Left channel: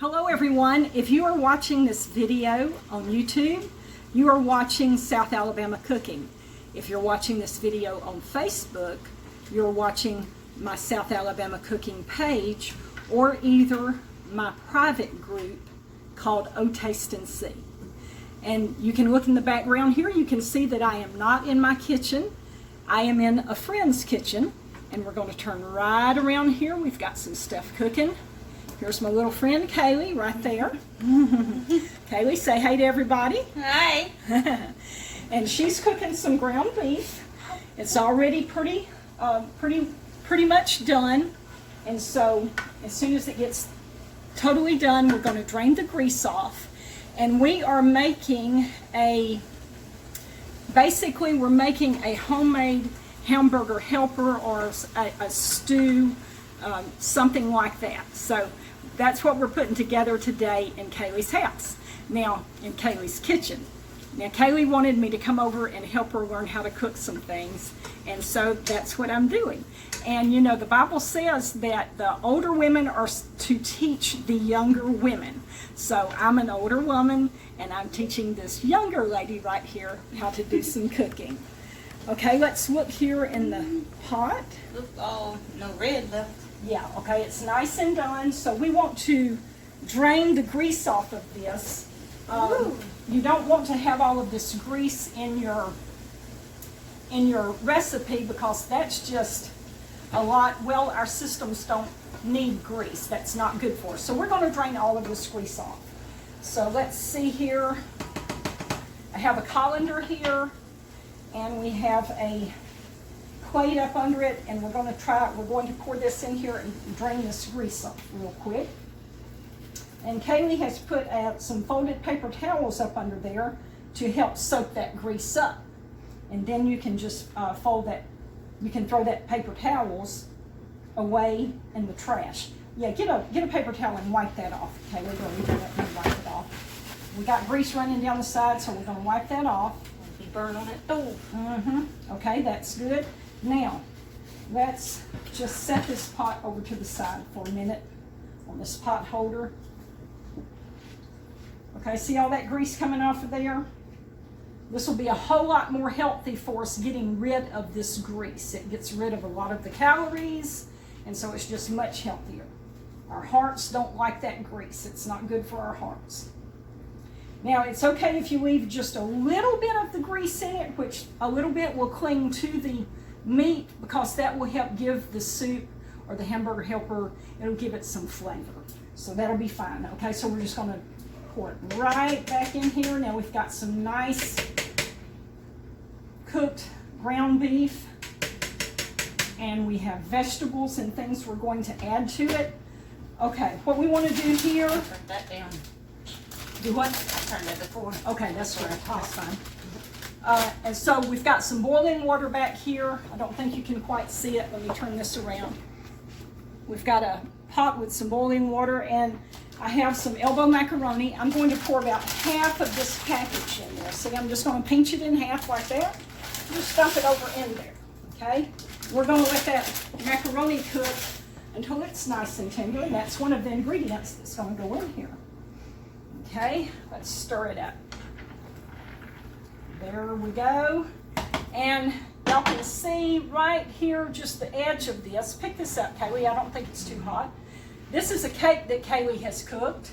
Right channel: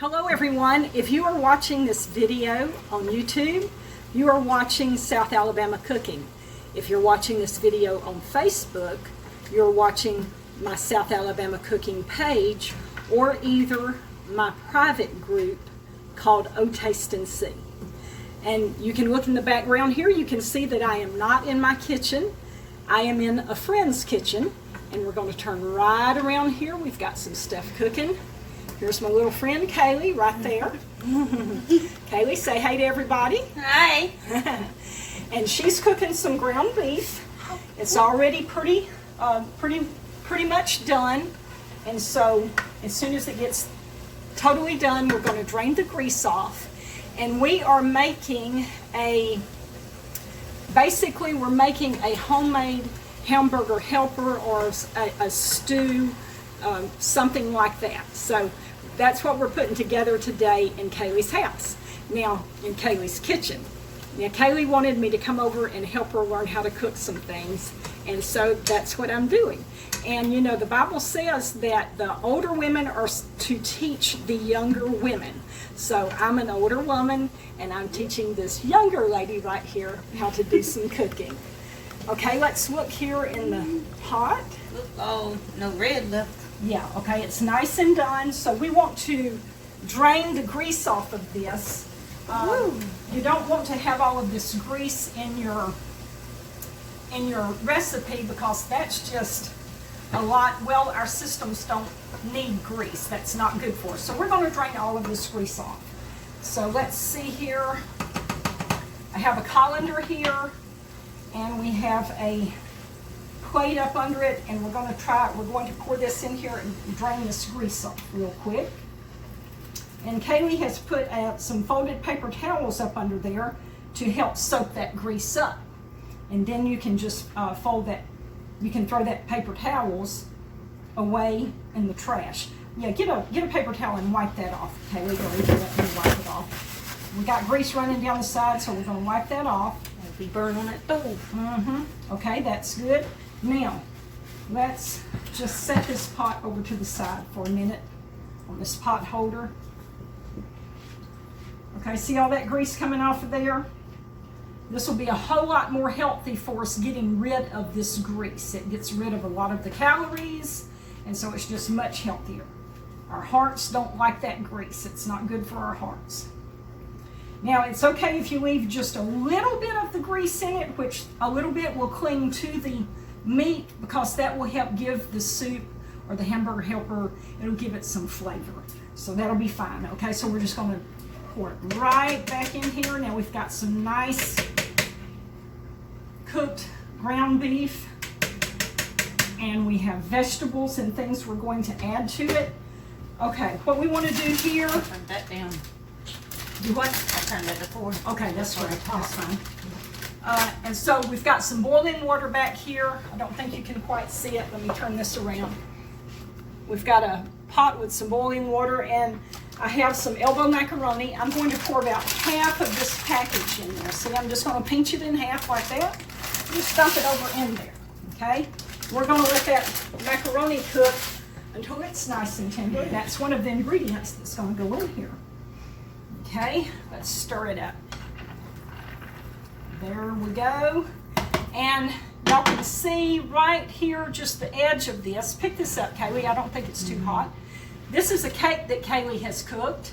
Hello everyone. If you are watching this video on YouTube, you are watching South Alabama Cooking. If you're watching this video on Facebook, you're watching my South Alabama Cooking page or either my private group called O Taste and See. And you can look in the background here, you can see that I am not in my kitchen. I am in a friend's kitchen, and we're going to turn right around here. We've got some stuff cooking. Here's my little friend Kaylee right there. Kaylee, say hey to everybody. Hi. And she's cooking some ground beef. It's already pretty much done. And so as soon as it gets totally done, we're going to drain the grease off. And we are making basically we're making a homemade hamburger helper or a stew, something like that. So that's what we're putting together today in Kaylee's house. Now, in Kaylee's kitchen. Now, Kaylee wanted me to come over and help her learn how to cook some things, and so that's what I'm doing. And you know, the Bible says that the older women are to teach the younger women. So I'm an older woman, and I'm teaching this younger lady right here how to do some cooking. Okay, let's look here in the pot. Oh, no red left. Yeah, okay, it's nice and done. So we want to drain the grease off of this. You don't want to have all of this grease in your recipe because that's just a lot. Well, our systems don't need grease. That's not good for us. So we're going to drain all of this grease off. So let's see here. I have a colander here, and we have a plate up under it, and we're going to pour this in here and drain this grease off real quick. And Kaylee has put some folded paper towels up under there to help soak that grease up. And then you can just fold that, you can throw that paper towels away in the trash. Yeah, get a paper towel and wipe that off, Kaylee, or even let me wipe it off. We got grease running down the side, so we're going to wipe that off. It'll be burned on that stove. Okay, that's good. Now, let's just set this pot over to the side for a minute on this pot holder. Okay, see all that grease coming off of there? This will be a whole lot more healthy for us getting rid of this grease. It gets rid of a lot of the calories, and so it's just much healthier. Our hearts don't like that grease. It's not good for our hearts. Now, it's okay if you leave just a little bit of the grease in it, which a little bit will cling to the meat because that will help give the soup or the hamburger helper, it'll give it some flavor. So that'll be fine. Okay, so we're just going to pour it right back in here. Now we've got some nice cooked ground beef, and we have vegetables and things we're going to add to it. Okay, what we want to do here. Turn that down. Do what? I'll turn it up. Okay, that's right. That's fine. And so we've got some boiling water back here. I don't think you can quite see it. Let me turn this around. We've got a pot with some boiling water, and I have some elbow macaroni. I'm going to pour about half of this package in there. So I'm just going to pinch it in half like that. Just dump it over in there, okay? We're going to let that macaroni cook until it's nice and tender. That's one of the ingredients that's going to go in here. Okay, let's stir it up. There we go. And y'all can see right here, just the edge of this. Pick this up, Kaylee. I don't think it's too hot. This is a cake that Kaylee has cooked,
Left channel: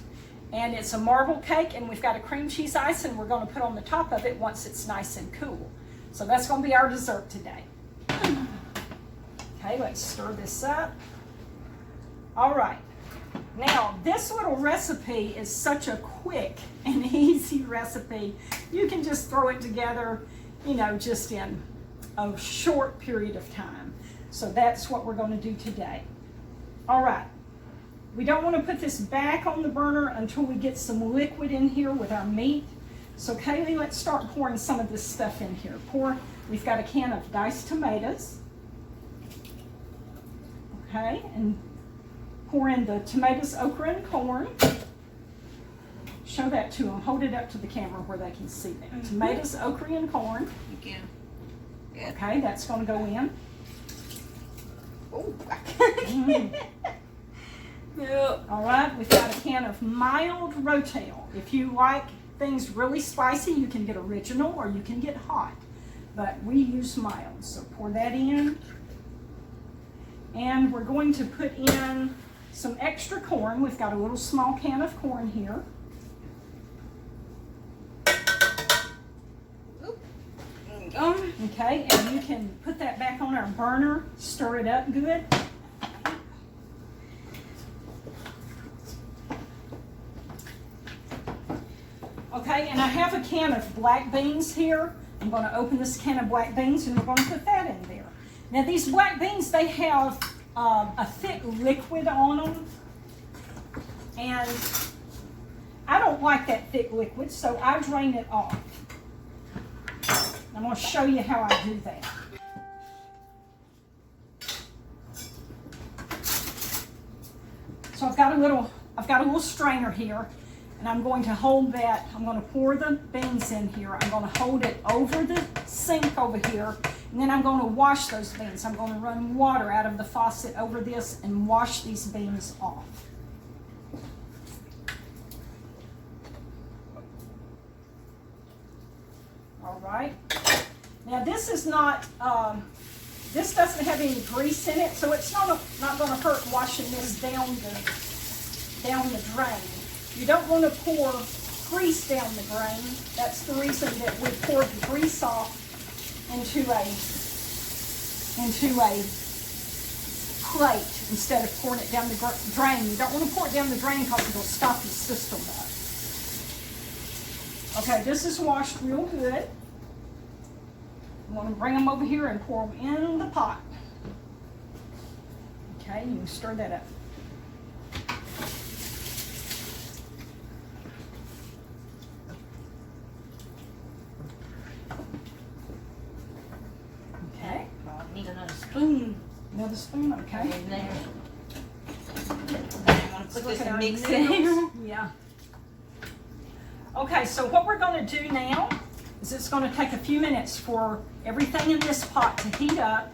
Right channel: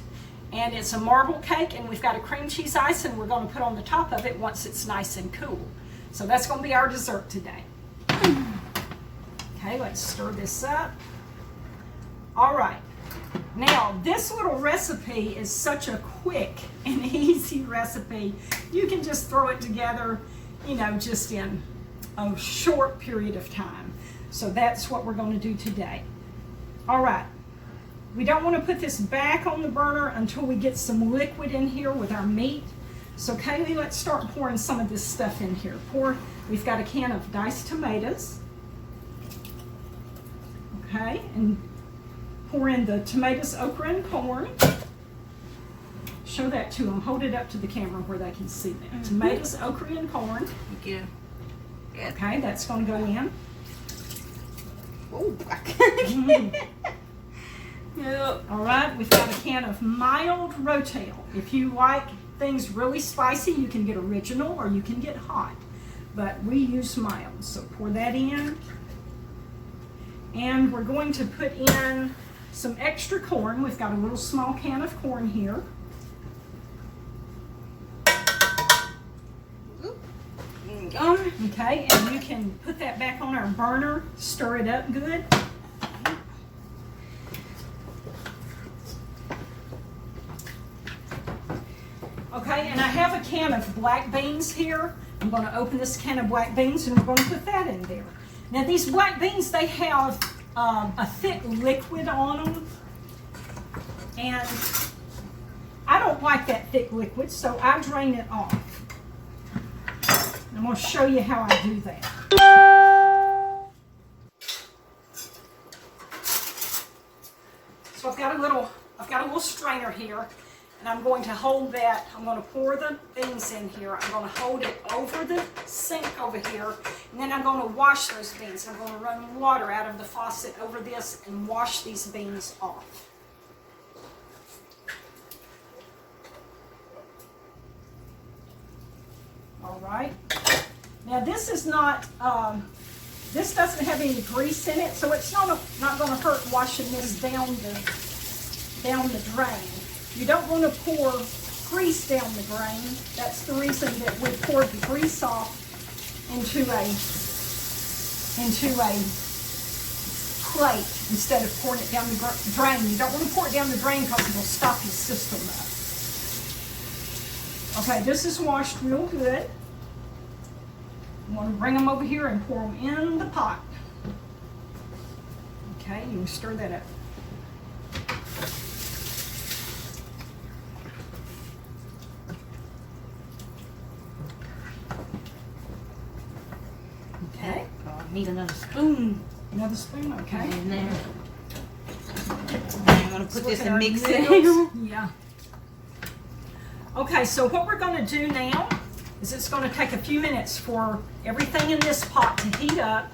and it's a marble cake, and we've got a cream cheese ice, and we're going to put on the top of it once it's nice and cool. So that's going to be our dessert today. Okay, let's stir this up. All right. Now, this little recipe is such a quick and easy recipe. You can just throw it together, you know, just in a short period of time. So that's what we're going to do today. All right. We don't want to put this back on the burner until we get some liquid in here with our meat. So Kaylee, let's start pouring some of this stuff in here. We've got a can of diced tomatoes. Okay, and pour in the tomatoes, okra, and corn. Show that to them. Hold it up to the camera where they can see that. Tomatoes, okra, and corn. Thank you. Yeah. Okay, that's going to go in. Oh, Yep. All right, we've got a can of mild rotel. If you like things really spicy, you can get original or you can get hot, but we use mild. So pour that in, and we're going to put in some extra corn. We've got a little small can of corn here. Okay, and you can put that back on our burner, stir it up good. Okay, and I have a can of black beans here. I'm going to open this can of black beans and we're going to put that in there. Now these black beans, they have a thick liquid on them, and I don't like that thick liquid, so I drain it off. I'm going to show you how I do that. So I've got a little strainer here, and I'm going to hold that. I'm going to pour the beans in here. I'm going to hold it over the sink over here, and then I'm going to wash those beans. I'm going to run water out of the faucet over this and wash these beans off. All right. Now this is not, this doesn't have any grease in it, so it's not going to hurt washing this down the drain. You don't want to pour grease down the drain. That's the reason that we poured the grease off into a plate instead of pouring it down the drain. You don't want to pour it down the drain because it will stop your system up. Okay, this is washed real good. I'm going to bring them over here and pour them in the pot. Okay, you can stir that up. Okay. Need another spoon. Another spoon, okay. In there. I'm going to put this and mix it. Yeah. Okay, so what we're going to do now is it's going to take a few minutes for everything in this pot to heat up,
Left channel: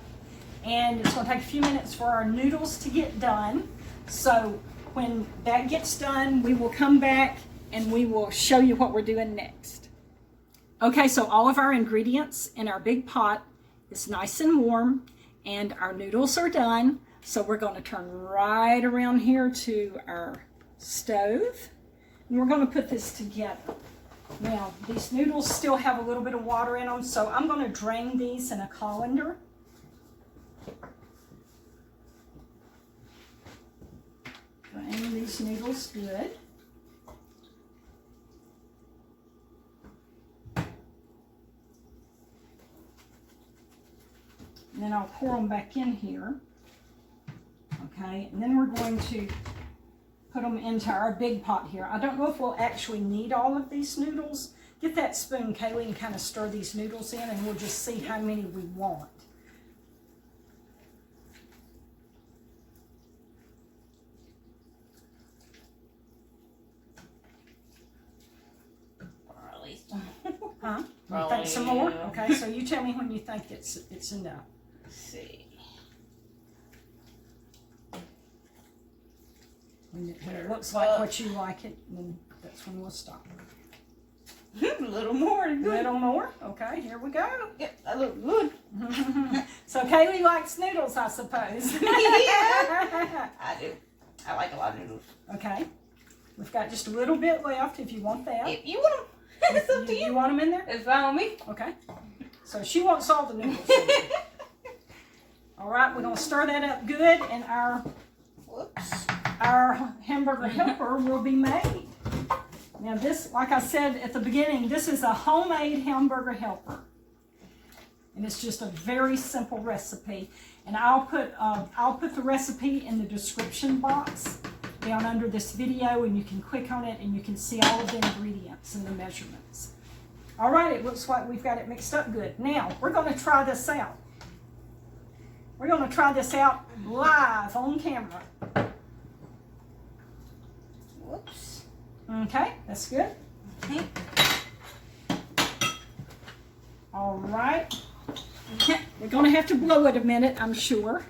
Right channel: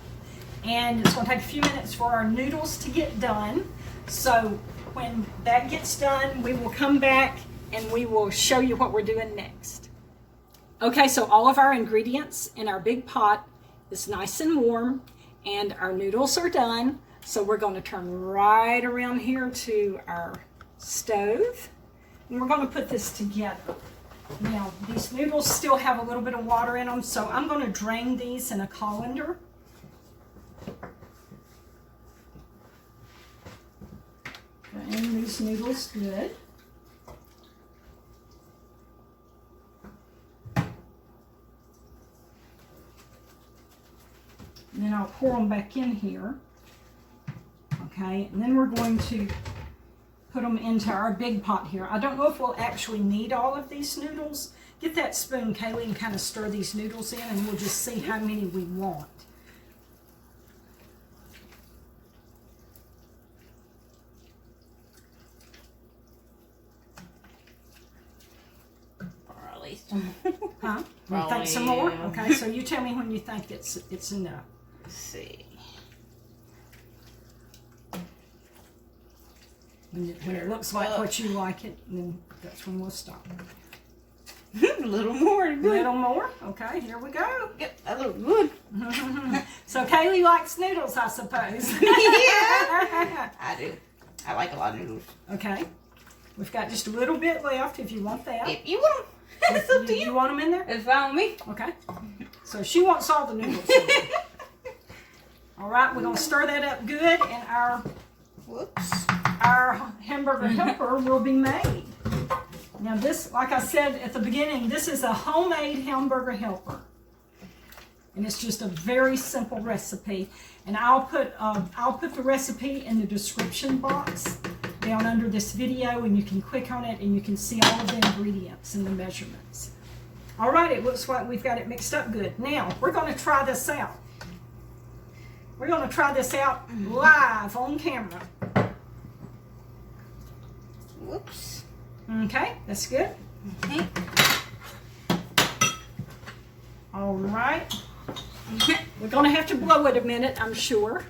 and it's going to take a few minutes for our noodles to get done. So when that gets done, we will come back and we will show you what we're doing next. Okay, so all of our ingredients in our big pot is nice and warm, and our noodles are done. So we're going to turn right around here to our stove, and we're going to put this together. Now, these noodles still have a little bit of water in them, so I'm going to drain these in a colander. Drain these noodles good. And then I'll pour them back in here. Okay, and then we're going to put them into our big pot here. I don't know if we'll actually need all of these noodles. Get that spoon, Kaylee, and kind of stir these noodles in, and we'll just see how many we want. Or at least. Huh? You Probably, think some more? yeah. Okay, so you tell me when you think it's enough. Let's see. When it looks like what you like it, then that's when we'll stop. A little more. A little more? Okay, here we go. Yep, that looks good. So Kaylee likes noodles, I suppose. Yeah, I do. I like a lot of noodles. Okay. We've got just a little bit left if you want that. If you want them, it's up to you. You want them in there? It's fine with me. Okay. So she wants all the noodles in there. All right, we're going to stir that up good, and our hamburger helper will be made. Now this, like I said at the beginning, this is a homemade hamburger helper. And it's just a very simple recipe. And I'll put the recipe in the description box down under this video, and you can click on it and you can see all of the ingredients and the measurements. All right, it looks like we've got it mixed up good. Now, we're going to try this out. We're going to try this out live on camera. Whoops. Okay, that's good. Okay. All right. We're going to have to blow it a minute, I'm sure.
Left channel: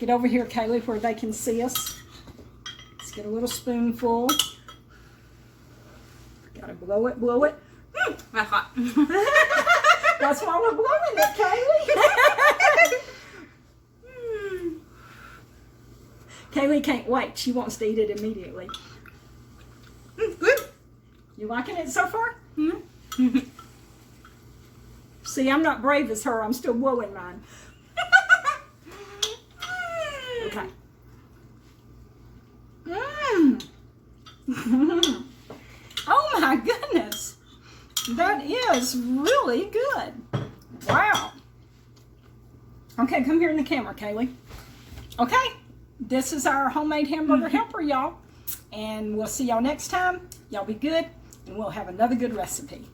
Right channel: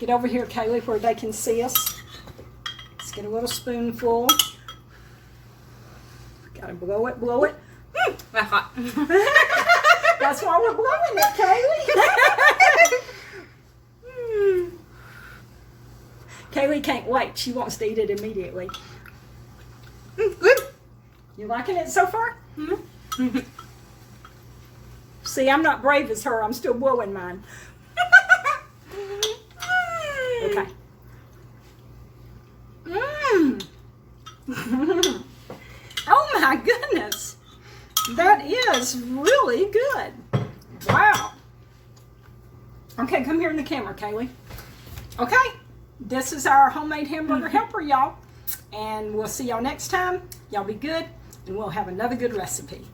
Get over here, Kaylee, where they can see us. Let's get a little spoonful. Gotta blow it, blow it. That's hot. That's why we're blowing it, Kaylee. Kaylee can't wait. She wants to eat it immediately. Good. You liking it so far? Mm-hmm. See, I'm not brave as her. I'm still blowing mine. Okay. Oh my goodness. That is really good. Wow. Okay, come here in the camera, Kaylee. Okay, this is our homemade hamburger helper, y'all. And we'll see y'all next time. Y'all be good, and we'll have another good recipe.